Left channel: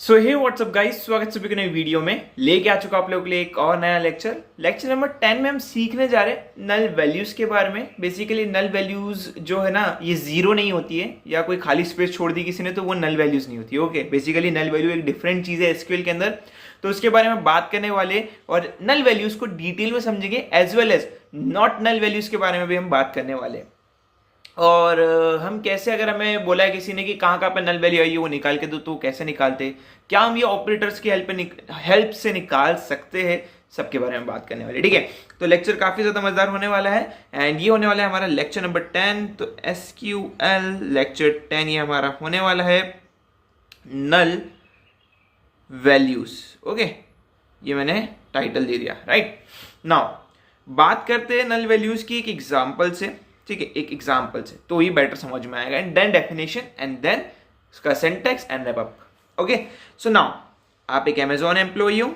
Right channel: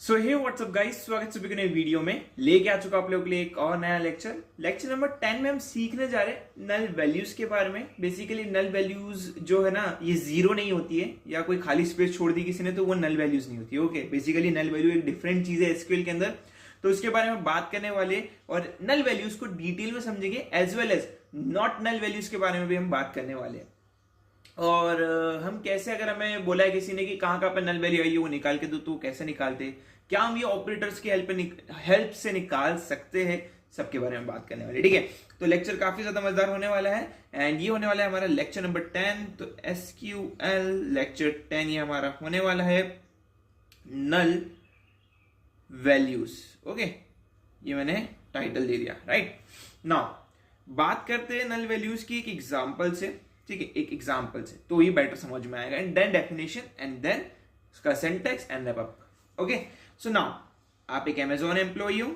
सो हे WhatsApp guys, स्वागत सभी को नई वीडियो में। लेके आ चुका आप लोगों के लिए एक और नया लेक्चर नंबर 10 में हम सीखने जा रहे हैं नल वैल्यूज के बारे में। बेसिकली नल वैल्यूज जो है ना, ये जीरो नहीं होती है या कोई खाली स्पेस छोड़ दी किसी ने तो वो नल वैल्यूज नहीं होती है। ओके, बेसिकली नल वैल्यू एक डिफरेंट चीज है एसक्यूएल के अंदर, तो उसके बारे में बात करने वाले और नल वैल्यूज को डिटेल में समझेंगे, as well as not null values के बारे में भी हम बात करने वाले हैं। और हम कैसे, अगर हमें बोला है किसी ने कि कहाँ कहाँ पे नल वैल्यू आई है वो निकाल के दो, तो कैसे निकालते, क्या हम ये ऑपरेटर्स की हेल्प से निकाल सकते हैं, सबके बारे में बात करने वाले। ठीक है, तो लेक्चर काफी ज्यादा मजेदार होने वाला है एंड ये होने वाला है हमारा लेक्चर नंबर 10। तो एसक्यूएल लेक्चर 10 ये हमारा होने वाला है नल वैल्यूज। ओके, ये मैंने टाइटल दे दिया। राइट नाउ बात करते हैं नल वैल्यूज की एक एग्जाम्पल से। ठीक है, एक एग्जाम्पल से तो ही बेटर समझ में आएगा। And then definition and then उसका syntax and wrap up. Okay, so now आप एक अमेजॉन एम्प्लॉई हो,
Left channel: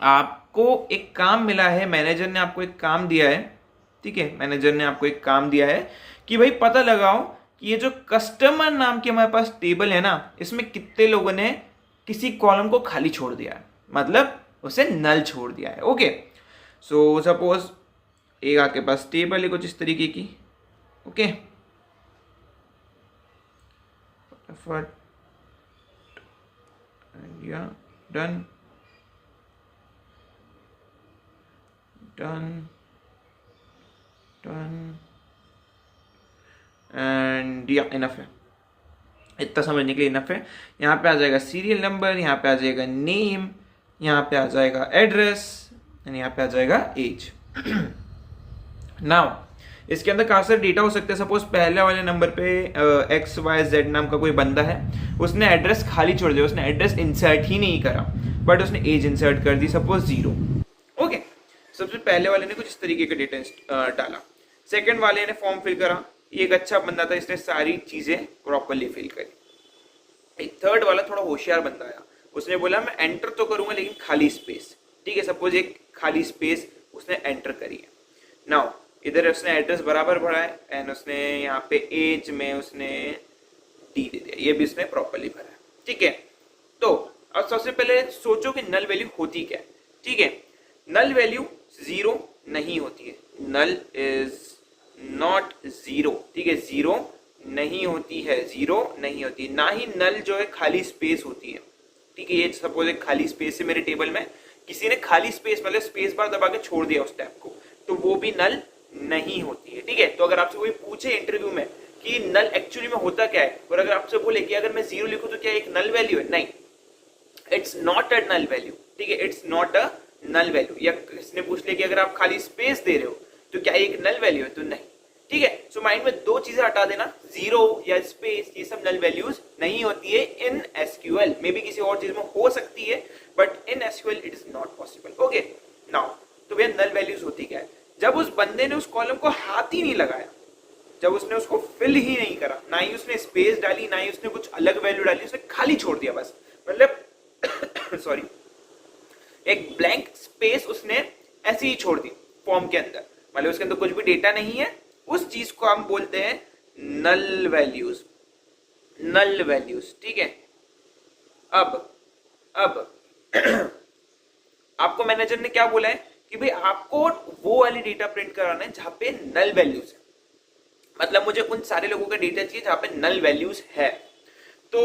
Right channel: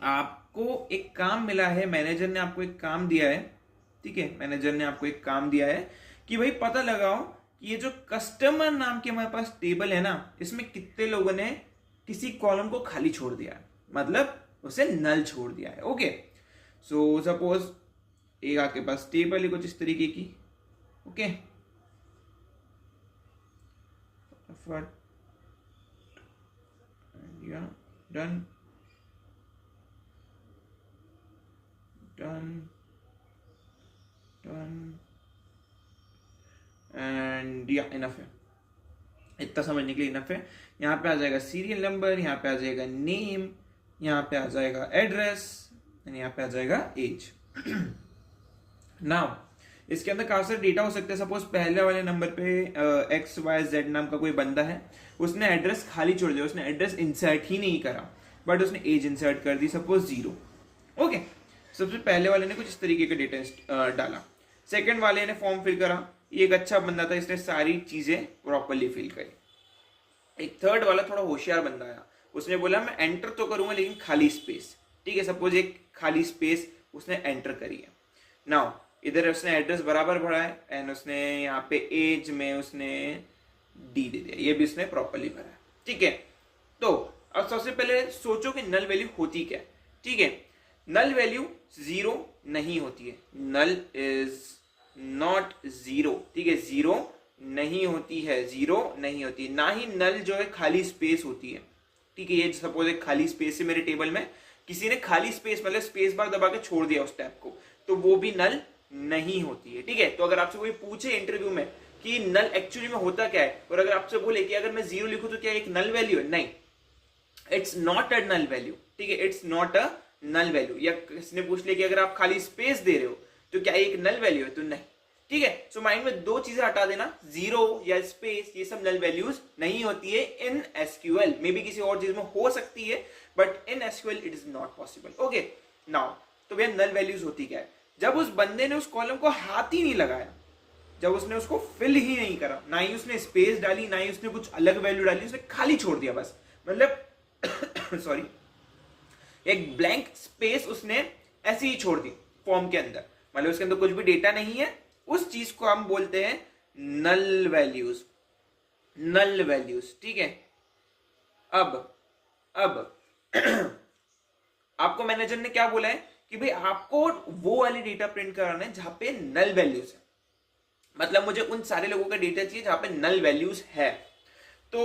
आपको एक काम मिला है, मैनेजर ने आपको एक काम दिया है। ठीक है, मैनेजर ने आपको एक काम दिया है कि भाई पता लगाओ कि ये जो कस्टमर नाम की हमारे पास टेबल है ना, इसमें कितने लोगों ने किसी कॉलम को खाली छोड़ दिया है, मतलब उसे नल छोड़ दिया है। ओके, सो सपोज एक आपके पास टेबल है कुछ इस तरीके की। ओके, फटाफट डन डन डन एंड या इनफ है, इतना समझने के लिए इनफ है। यहाँ पे आ जाएगा सीरियल नंबर, यहाँ पे आ जाएगा नेम, यहाँ पे आ जाएगा एड्रेस एंड यहाँ पे आ जाएगा एज। नाउ इसके अंदर काफी सारे डेटा हो सकते हैं। सपोज पहले वाले नंबर पे XYZ नाम का कोई बंदा है, उसने एड्रेस खाली छोड़ दिया, उसने एड्रेस इंसर्ट ही नहीं करा, बट उसने एज इंसर्ट कर दी सपोज 0। ओके, सबसे पहले वाले ने कुछ इस तरीके का डेटा डाला, सेकंड वाले ने फॉर्म फिल करा, ये एक अच्छा बंदा था, इसने सारी चीजें प्रॉपरली फिल करी। एक थर्ड वाला थोड़ा होशियार बंदा आया, उसने बोला मैं एंटर तो करूंगा लेकिन खाली स्पेस। ठीक है, सपोज एक खाली स्पेस उसने एंटर करी है। नाउ इधर उसने एड्रेस बराबर भरा है एंड उसने यहाँ पे एज में उसने डी दे दिया, ये भी उसने प्रॉपरली भरा है। ठीक है, तो अब सबसे पहले सोचो कि नल वैल्यू होती क्या है। ठीक है, नल वैल्यू जीरो नहीं होती है, नल इज नॉट जीरो। ठीक है, जीरो नहीं होती है, जीरो नहीं होती, ना ही नल जो है खाली स्पेस होती है। ठीक है, ये सपोज एक खाली स्पेस है मेरे टेबल में, किसी ने खाली स्पेस मतलब स्पेस बार दबा के छोड़ दिया उस टैब को, तो वो भी नल नहीं होती है। ठीक है, तो अगर आपसे कोई पूछे इंटरव्यू में कि नल एक्चुअली में होता क्या है, और अगर आपसे बोले कि अगर मैं जीरो लिखूं तो क्या एक नल वैल्यू है, नहीं, it's not a null value. ठीक है, it's not a null value. या किसने पूछ लिया कि अगर आप खाली स्पेस दे रहे हो तो क्या एक नल वैल्यू है, तो नहीं। ठीक है, सो माइंड में दो चीजें हटा देना, जीरो या स्पेस, ये सब नल वैल्यूज नहीं होती है इन एसक्यूएल। मे बी किसी और चीज में हो सकती है, but in SQL it is not possible. Okay, now तो भैया नल वैल्यूज होती क्या है? जब उस बंदे ने उस कॉलम को हाथ ही नहीं लगाया, जब उसने उसको फिल ही नहीं करा, ना ही उसने स्पेस डाली, ना ही उसने कुछ अलग वैल्यू डाली, उसने खाली छोड़ दिया बस, मतलब सॉरी एक ब्लैंक स्पेस उसने ऐसे ही छोड़ दी फॉर्म के अंदर, मतलब उसके अंदर कुछ भी डेटा नहीं है, उस चीज को हम बोलते हैं नल वैल्यूज। Null values. ठीक है, अब आपको मैनेजर ने क्या बोला है कि भाई आपको वो वाली डेटा प्रिंट कराना है जहां पे नल वैल्यूज है, मतलब मुझे उन सारे लोगों का डेटा चाहिए जहां पे नल वैल्यूज है। तो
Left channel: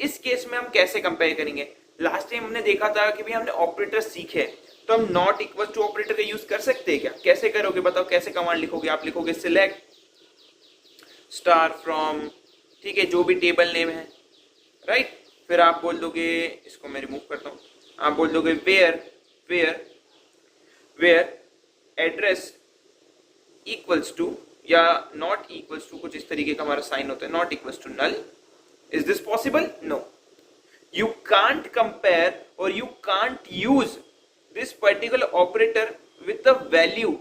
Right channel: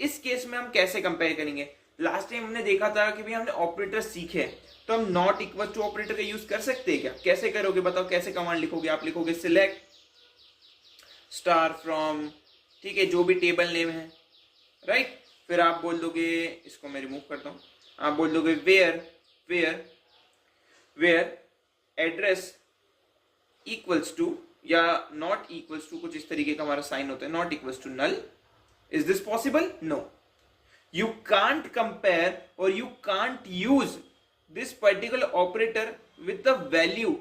इस केस में हम कैसे कंपेयर करेंगे? लास्ट टाइम हमने देखा था कि भाई हमने ऑपरेटर सीखे, तो हम नॉट इक्वल टू ऑपरेटर का यूज कर सकते हैं क्या? कैसे करोगे बताओ, कैसे कमांड लिखोगे? आप लिखोगे सिलेक्ट स्टार फ्रॉम, ठीक है, जो भी टेबल नेम है, राइट, फिर आप बोल दोगे, इसको मैं रिमूव करता हूं, आप बोल दोगे वेयर एड्रेस इक्वल्स टू या नॉट इक्वल्स टू, कुछ इस तरीके का हमारा साइन होता है, not equals to null. Is this possible? No, you can't compare or you can't use this particular operator with the value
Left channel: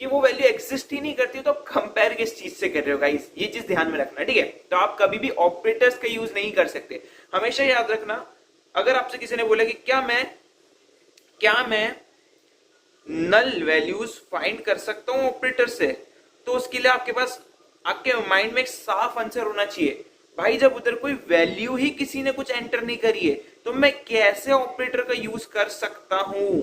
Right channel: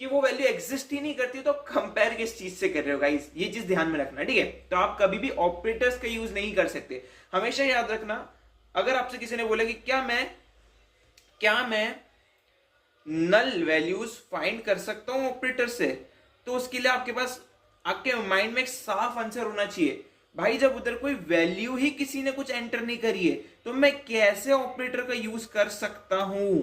कि वो वैल्यू एग्जिस्ट ही नहीं करती, तो कंपेयर किस चीज से कर रहे हो गाइस, ये चीज ध्यान में रखना। ठीक है, तो आप कभी भी ऑपरेटर्स का यूज नहीं कर सकते। हमेशा याद रखना, अगर आपसे किसी ने बोला कि क्या मैं नल वैल्यूज फाइंड कर सकता हूं ऑपरेटर से, तो उसके लिए आपके पास आपके माइंड में एक साफ आंसर होना चाहिए, भाई जब उधर कोई वैल्यू ही किसी ने कुछ एंटर नहीं करी है तो मैं कैसे ऑपरेटर का यूज कर सकता हूं?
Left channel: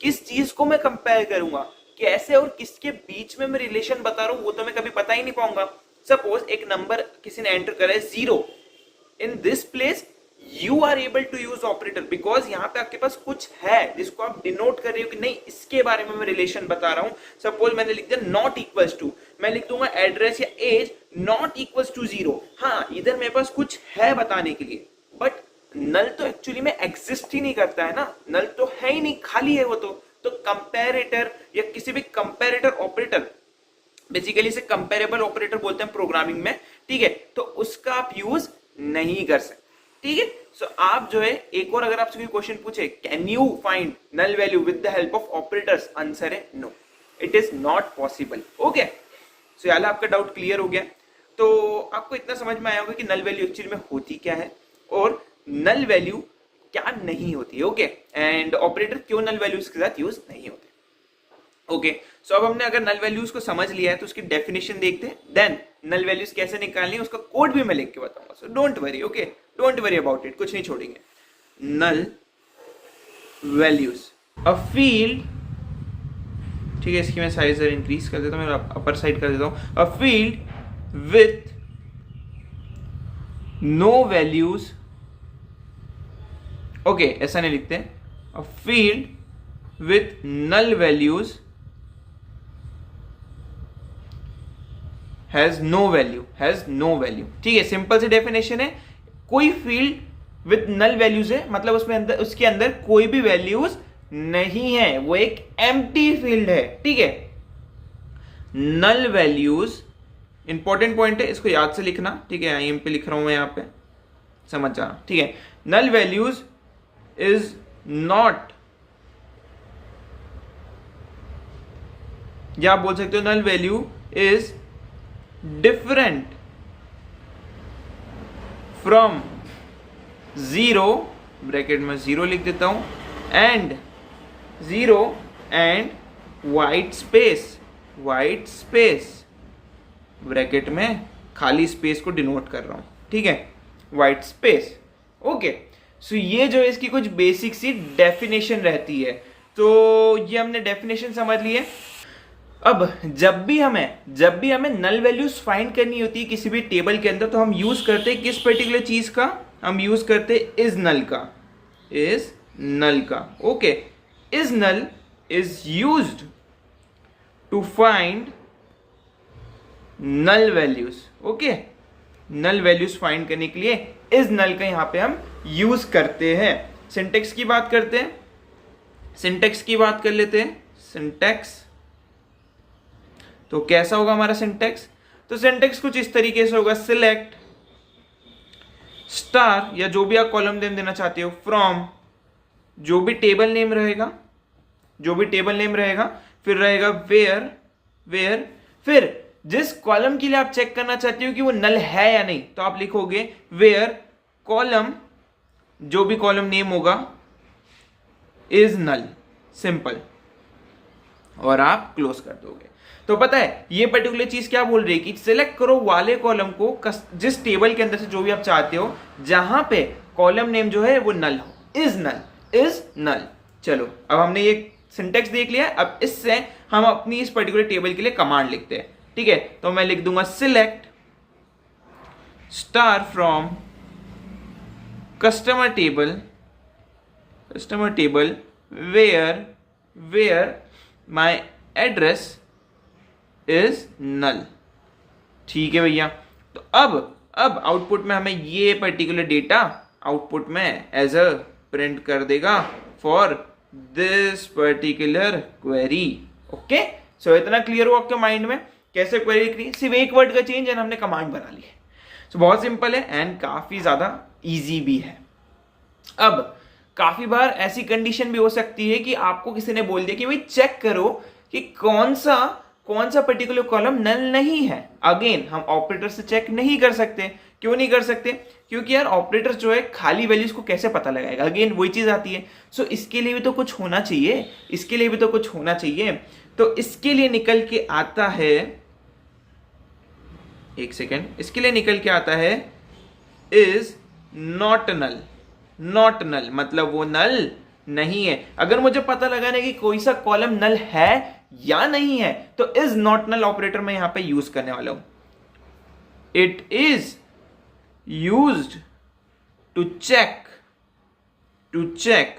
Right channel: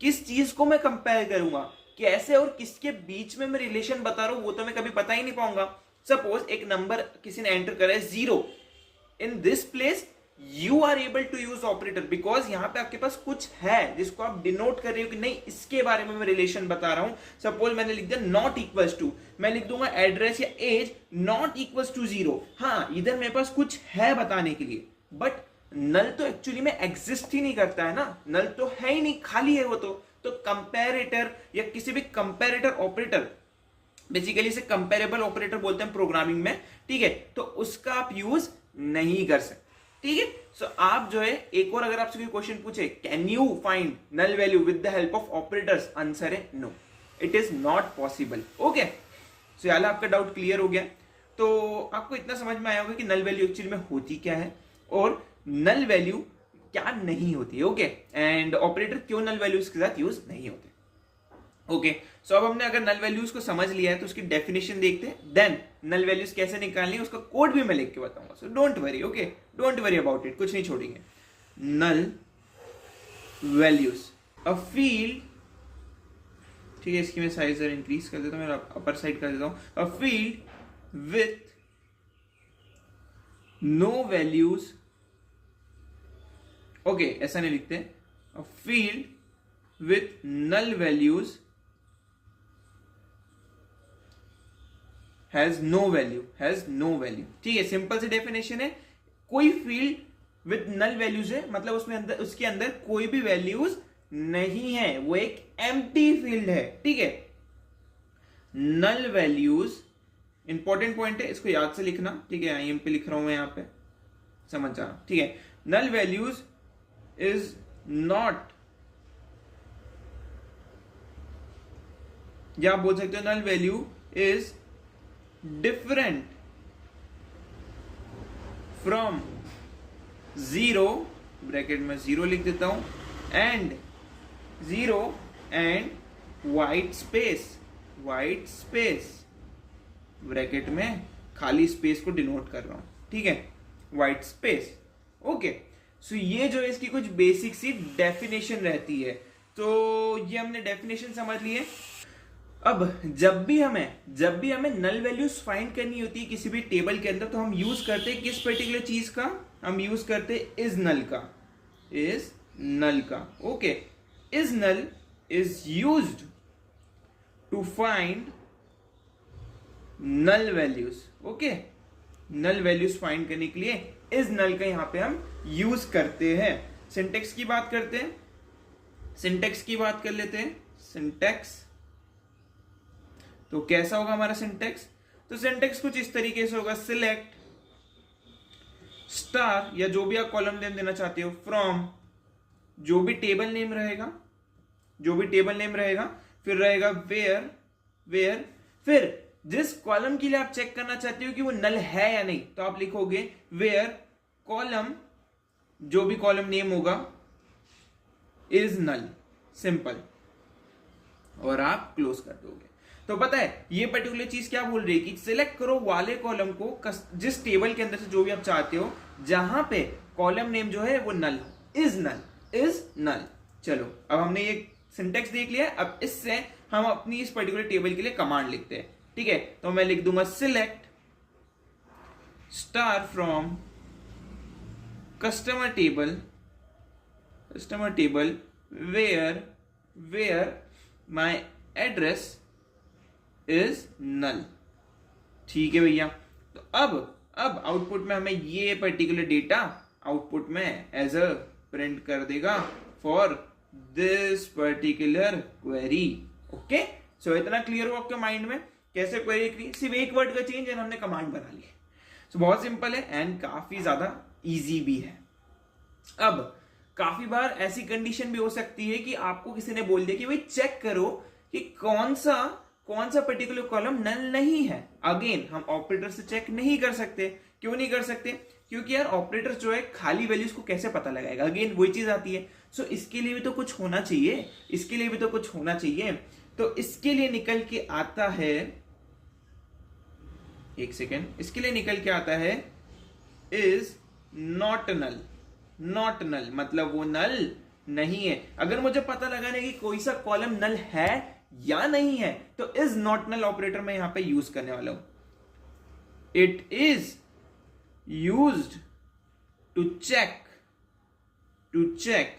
किस चीज को मैं कंपेयर करूंगा, कैसे और किसके बीच में मैं रिलेशन बता रहा हूं, वो तो मैं कभी बता ही नहीं पाऊंगा। सपोज एक नंबर किसी ने एंटर करा है 0, in this place you are able to use operator because यहां पे आपके पास कुछ है जिसको आप डिनोट कर रहे हो कि नहीं इसके बारे में मैं रिलेशन बता रहा हूं। सपोज मैंने लिख दिया नॉट इक्वल्स टू, मैं लिख दूंगा एड्रेस या एज नॉट इक्वल्स टू 0। हाँ, इधर मेरे पास कुछ है बताने के लिए, बट नल तो एक्चुअली में एग्जिस्ट ही नहीं करता है ना, नल तो है ही नहीं, खाली है वो तो कंपैरेटर या किसी भी कंपैरेटर ऑपरेटर, बेसिकली इसे कंपेरेबल ऑपरेटर बोलते हैं प्रोग्रामिंग में, ठीक है, तो उसका आप यूज नहीं कर सकते, ठीक है। सो आप जो है एक और अगर आपसे कोई क्वेश्चन पूछे can you find null value with the help of operators, answer है no, it is not possible. Okay, so यार आपका डाउट क्लियर हो गया। तो आपको इतना समझ में आया होगा कि नल वैल्यू एक्चुअली में होती क्या है और नल वैल्यू क्या नहीं होती है। ओके, एंड ऑपरेटर क्यों नल वैल्यूज के साथ यूज नहीं होते। ओके, सो अब हमने अगर नल वैल्यूज को समझ लिया है तो उसकी डेफिनेशन देखते हैं, देन नल वैल्यूज कैसे निकालनी है उसका कोड भी मैं लिख के बताऊंगा। So don't worry, okay, don't worry about it, कुछ नहीं छोड़ेंगे। नल वैल्यूज अ फील्ड, ठीक है, इसकी मैं साइज इंक्रीज कर देता हूँ, मैं अपर साइड कर देता हूँ। A field with no values, okay ऐसा नहीं लिखते, a field with null values has no value, ठीक है, सिंपल सी डेफिनेशन है। कोई फील्ड विथ नल वैल्यूज है मतलब उसके अंदर कोई भी वैल्यूज नहीं है, वो एक एम्प्टी फील्ड है, ठीक है। नल वैल्यूज इंपॉर्टेंट पॉइंट है, इसको याद से लिखना, ठीक है, आई एम पे लिख रहा हूं मैं यहां पे, समझ जाना, ठीक है। नल वैल्यूज इज नॉट, या आप बोल सकते हो null value is different from 0, bracket में 0 लिख देता हूं, and 0 and white space, bracket में खाली स्पेस को डिनोट कर रहा हूं, ठीक है, वाइट स्पेस। ओके, सो ये जो है इसकी कुछ बेसिक सी डेफिनेशन रहती है। तो ये हमने डेफिनेशन समझ ली है। अब जब भी हमें नल वैल्यूज फाइंड करनी होती है किसी भी टेबल के अंदर तो हम यूज करते हैं किस पर्टिकुलर चीज का, हम यूज करते हैं इज नल का। Okay, is null is used to find null values. Okay, null values find करने के लिए इज नल का यहां पे हम यूज करते हैं। सिंटेक्स की बात करते हैं, सिंटेक्स की बात कर लेते हैं। सिंटेक्स तो कैसा होगा हमारा सिंटेक्स, तो सिंटेक्स कुछ इस तरीके से होगा, सिलेक्ट स्टार या जो भी आप कॉलम नेम देना चाहते हो फ्रॉम, जो भी टेबल नेम रहेगा, फिर रहेगा वेयर, फिर जिस कॉलम के लिए आप चेक करना चाहते हो कि वो नल है या नहीं तो आप लिखोगे वेयर कॉलम, जो भी कॉलम नेम होगा इज नल, सिंपल, और आप क्लोज कर दोगे। तो पता है ये पर्टिकुलर चीज क्या बोल रही है कि सिलेक्ट करो वाले कॉलम को जिस टेबल के अंदर से जो भी आप चाहते हो जहां पे कॉलम नेम जो है वो नल हो, इज नल। चलो अब हमने ये सिंटेक्स देख लिया, अब इससे हम अपनी इस पर्टिकुलर टेबल के लिए कमांड लिखते हैं, ठीक है। तो मैं लिख दूंगा select star from customer table where my address is null, ठीक है भैया। तो अब आउटपुट में हमें ये पर्टिकुलर डेटा आउटपुट में एज अ प्रिंट कर देगा for this particular query. Okay, so इतना क्लियर हो आपके माइंड में कैसे क्वेरी लिखनी है, सिर्फ एक वर्ड का चेंज एंड हमने कमांड बना ली है। सो बहुत सिंपल है एंड काफी ज्यादा इजी भी है। अब काफी बार ऐसी कंडीशन भी हो सकती है कि आपको किसी ने बोल दिया कि भाई चेक करो कि कौन सा पर्टिकुलर कॉलम नल नहीं है। अगेन हम ऑपरेटर से चेक नहीं कर सकते, क्यों नहीं कर सकते, क्योंकि यार ऑपरेटर जो है खाली वैल्यूज को कैसे पता लगाएगा, अगेन वही चीज आती है। सो इसके लिए भी तो कुछ होना चाहिए, तो इसके लिए निकल के आता है, एक सेकेंड, इसके लिए निकल के आता है is not null. Not null मतलब वो नल नहीं है। अगर मुझे पता लगाना है कि कोई सा कॉलम नल है या नहीं है तो इज नॉट नल ऑपरेटर मैं यहां पे यूज करने वाला हूं। It is used to check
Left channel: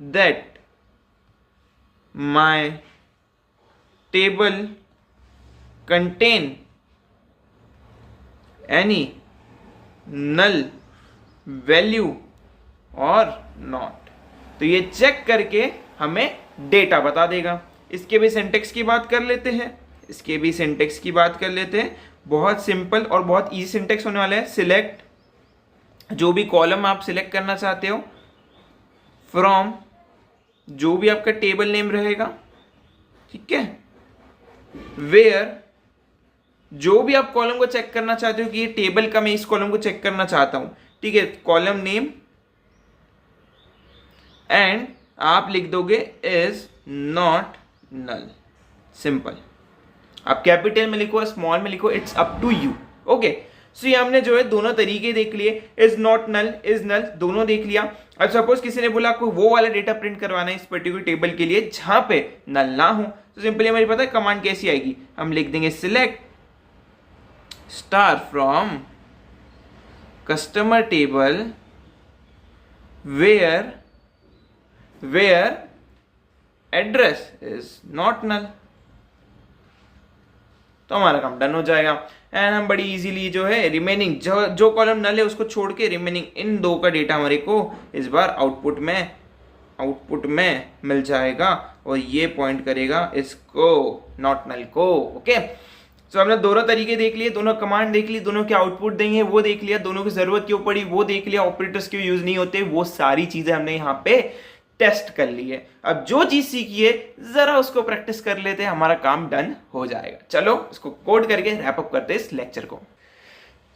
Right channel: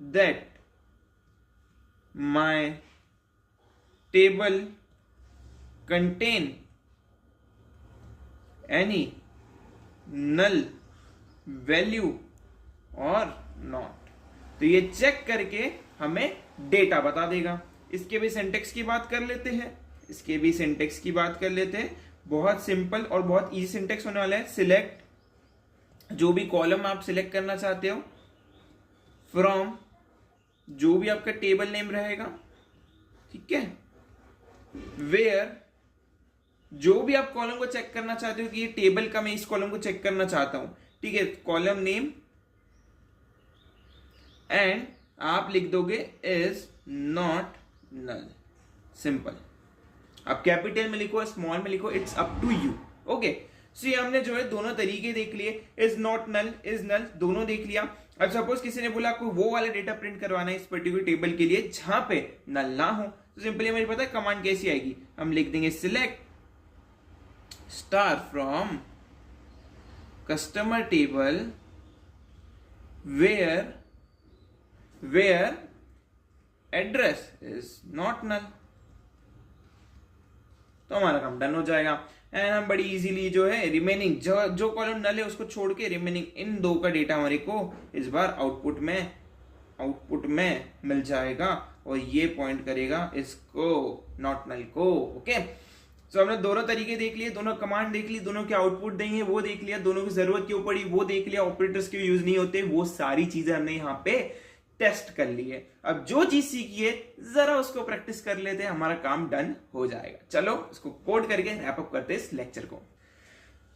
that my table contain any null value और नॉट। तो ये चेक करके हमें डेटा बता देगा। इसके भी सिंटेक्स की बात कर लेते हैं। बहुत सिंपल और बहुत इजी सिंटेक्स होने वाला है। सिलेक्ट, जो भी कॉलम आप सिलेक्ट करना चाहते हो, फ्रॉम, जो भी आपका टेबल नेम रहेगा, ठीक है, वेयर, जो भी आप कॉलम को चेक करना चाहते हो कि ये टेबल का मैं इस कॉलम को चेक करना चाहता हूं, ठीक है, कॉलम नेम, एंड आप लिख दोगे इज नॉट नल। सिंपल। आप कैपिटल में लिखो, स्मॉल में लिखो, it's up to you. Okay, so ये हमने जो है दोनों तरीके देख लिए, is not null, is null, दोनों देख लिया। अब सपोज किसी ने बोला आपको वो वाला डेटा प्रिंट करवाना है इस पर्टिकुलर टेबल के लिए जहां पे नल ना हो, तो सिंपली हमें पता है कमांड कैसी आएगी। हम लिख देंगे select star from customer table where address is not null. तो हमारा काम डन हो जाएगा। एंड हम बड़ी इजीली जो है रिमेनिंग जो कॉलम नल है उसको छोड़ के रिमेनिंग इन दो का डेटा हमारे को इस बार आउटपुट में मिल जाएगा और ये पॉइंट करेगा इसको, नॉट नल को। ओके, तो हमने दोनों तरीके देख लिए, दोनों कमांड देख ली, दोनों के आउटपुट देंगे वो देख लिया, दोनों की जरूरत क्यों पड़ी वो देख लिया, ऑपरेटर्स क्यों यूज नहीं होते, वो सारी चीजें हमने यहाँ पे टेस्ट कर ली है। अब जो चीज सीखी है जरा उसको प्रैक्टिस कर लेते हैं, हमारा काम डन हो जाएगा। चलो इसको कोड करके रैप अप करते हैं इस लेक्चर को।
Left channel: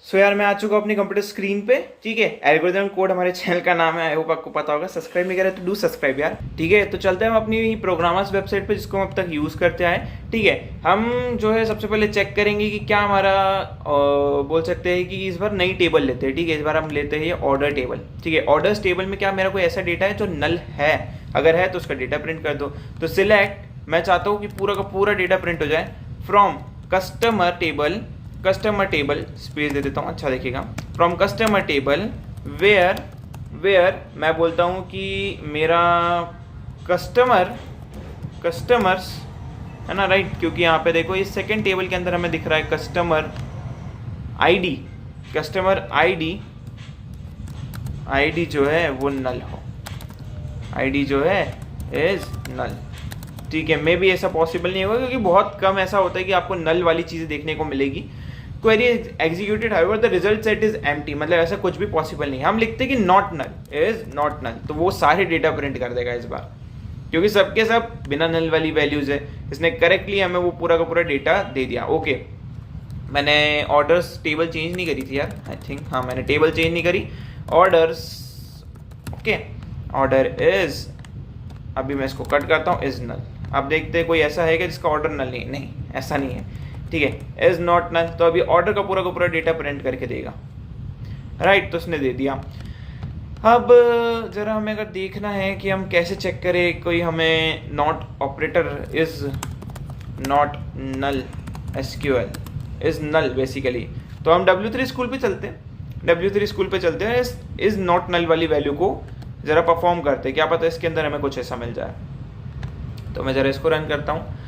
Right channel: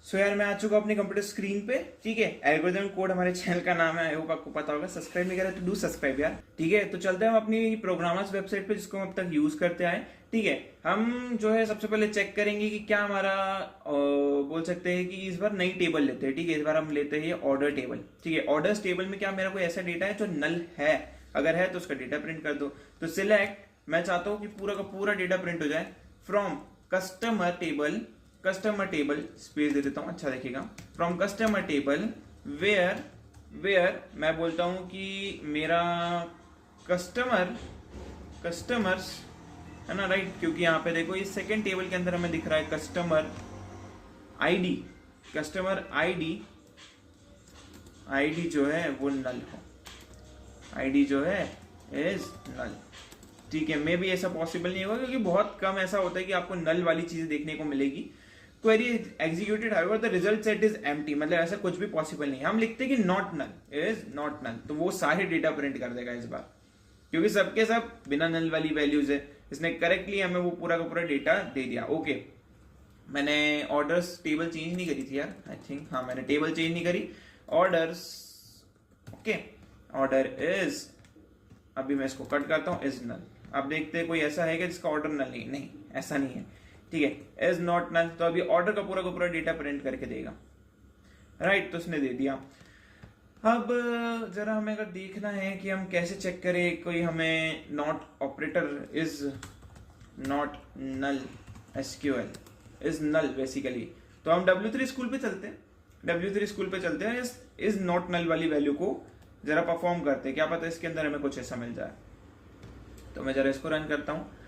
सो यार मैं आ चुका हूं अपनी कंप्यूटर स्क्रीन पे, ठीक है। एल्गोरिथम कोड हमारे चैनल का नाम है, आई होप आपको पता होगा। सब्सक्राइब नहीं करे तो डू सब्सक्राइब यार, ठीक है। तो चलते हैं हम अपनी प्रोग्रामर्स वेबसाइट पे जिसको हम अब तक यूज करते आए, ठीक है। हम जो है सबसे पहले चेक करेंगे कि क्या हमारा बोल सकते हैं कि इस बार नई टेबल लेते हैं, ठीक है। इस बार हम लेते हैं ये ऑर्डर टेबल, ठीक है। ऑर्डर्स टेबल में क्या मेरा कोई ऐसा डेटा है जो नल है, अगर है तो उसका डेटा प्रिंट कर दो। तो सिलेक्ट, मैं चाहता हूँ कि पूरा का पूरा डेटा प्रिंट हो जाए फ्रॉम कस्टमर टेबल स्पेस दे देता हूँ, अच्छा देखिएगा, फ्रॉम कस्टमर टेबल वेयर मैं बोलता हूँ कि मेरा कस्टमर्स है ना, राइट, क्योंकि यहाँ पे देखो इस सेकेंड टेबल के अंदर हमें दिख रहा है कस्टमर आईडी जो है वो नल हो, आईडी जो है इज नल, ठीक है। मे भी ऐसा पॉसिबल नहीं होगा क्योंकि बहुत कम ऐसा होता है कि आपको नल वाली चीजें देखने को मिलेगी। Query executed however the result set is empty, मतलब ऐसा कुछ भी पॉसिबल नहीं है। हम लिखते हैं कि नॉट नल, तो वो सारे डेटा प्रिंट कर देगा इस बार, क्योंकि सबके सब बिना नल वाली वैल्यूज है। इसने करेक्टली हमें वो पूरा का पूरा डेटा दे दिया। ओके, मैंने ऑर्डर्स टेबल चेंज नहीं करी थी यार, आई थिंक, हाँ मैंने टेबल चेंज नहीं करी, ऑर्डर्स, ओके, ऑर्डर इज, अभी मैं इसको कट करता हूँ, इज नल। अब देखते हैं कोई ऐसा है कि जिसका ऑर्डर नल नहीं, ऐसा नहीं है, ठीक है, इज नॉट नल। तो अभी ऑर्डर का पूरा डेटा प्रिंट करके देगा, राइट, तो उसने दे दिया। अब जरा हमें अगर देखना है कि हम कैसे चेक करें कोई हमें not operator is not null, SQL is null basically, तो हम W3 स्कूल पे चलते हैं, इज नॉट नल वाली वैल्यू को जरा परफॉर्म करते हैं, क्या पता इसके अंदर हमें कुछ ऐसा मिल जाए। तो मैं जरा इसको रन करता हूँ।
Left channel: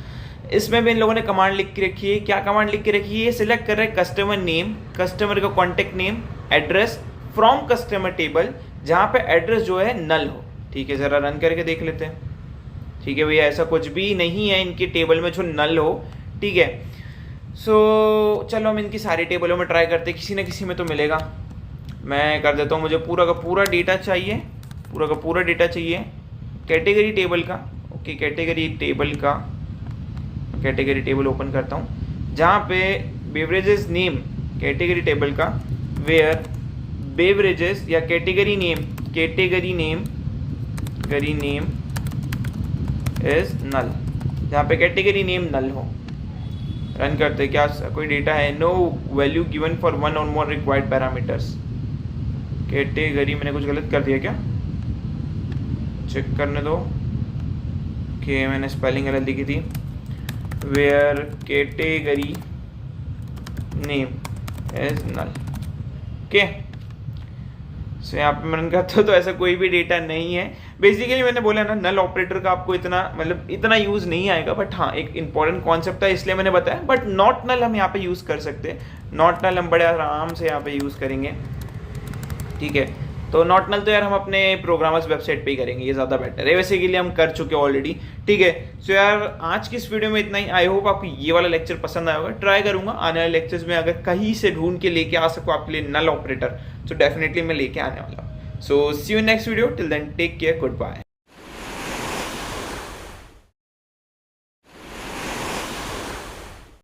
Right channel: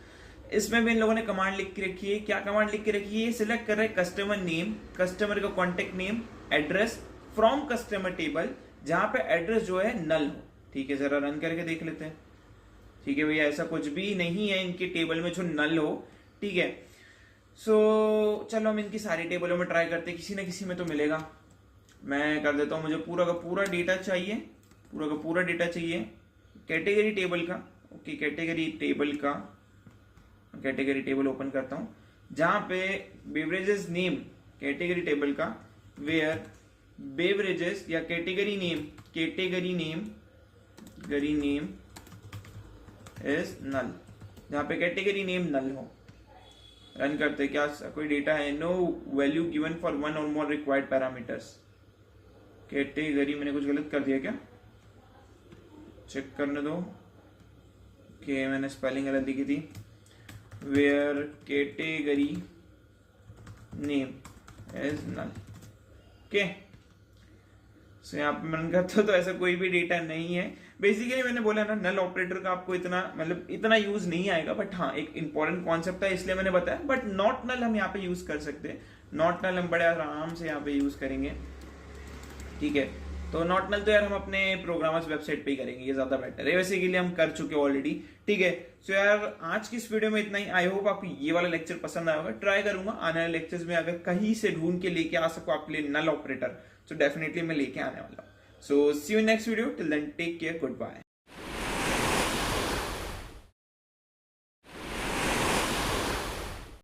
इसमें भी इन लोगों ने कमांड लिख के रखी है, क्या कमांड लिख के रखी है, सिलेक्ट कर रहे हैं कस्टमर नेम, कस्टमर का contact name, address from customer table जहां पे एड्रेस जो है नल हो, ठीक है। जरा रन करके देख लेते हैं, ठीक है भैया, ऐसा कुछ भी नहीं है इनके टेबल में जो नल हो, ठीक है। सो चलो हम इनकी सारी टेबलों में ट्राई करते हैं, किसी ना किसी में तो मिलेगा। मैं कर देता हूँ, मुझे पूरा का पूरा डेटा चाहिए, कैटेगरी टेबल का, ओके, कैटेगरी टेबल ओपन करता हूँ जहाँ पे बेवरेजेस नेम, कैटेगरी टेबल का, वेयर बेवरेजेस या कैटेगरी नेम इज नल, जहाँ पे कैटेगरी नेम नल हो। रन करते, क्या कोई डेटा है, no value given for one और मोर रिक्वायर्ड पैरामीटर्स, कैटेगरी मैंने कुछ गलत कर दिया क्या, चेक करने दो कि मैंने स्पेलिंग गलत लिखी थी। Where category name as null. Okay, so यहाँ पे मैंने कहा तो ऐसा कोई भी डेटा नहीं है। बेसिकली मैंने बोला ना, नल ऑपरेटर का आपको इतना मतलब इतना यूज नहीं आएगा, बट हाँ एक इंपॉर्टेंट कॉन्सेप्ट था इसलिए मैंने बताया। बट नॉट नल हम यहाँ पे यूज कर सकते हैं, नॉट नल हम बड़े आराम से यहाँ पे यूज करेंगे, ठीक है। तो नॉट नल तो यार हम अपने प्रोग्रामर्स वेबसाइट पे ही करेंगे, ये ज़्यादा बेटर है, वैसे के लिए हम कर चुके ऑलरेडी, ठीक है। सो यार आज की इस वीडियो में इतना ही। आई होप आपको ये वाला लेक्चर पसंद आया होगा। ट्राई करूंगा आने वाले लेक्चर्स में अगर कहीं से ढूंढ के लेके आ सकूँ आपके लिए नल ऑपरेटर, तो डेफिनेटली मैं लेके आने वाला हूँ। So see you next video, till then take care, good bye.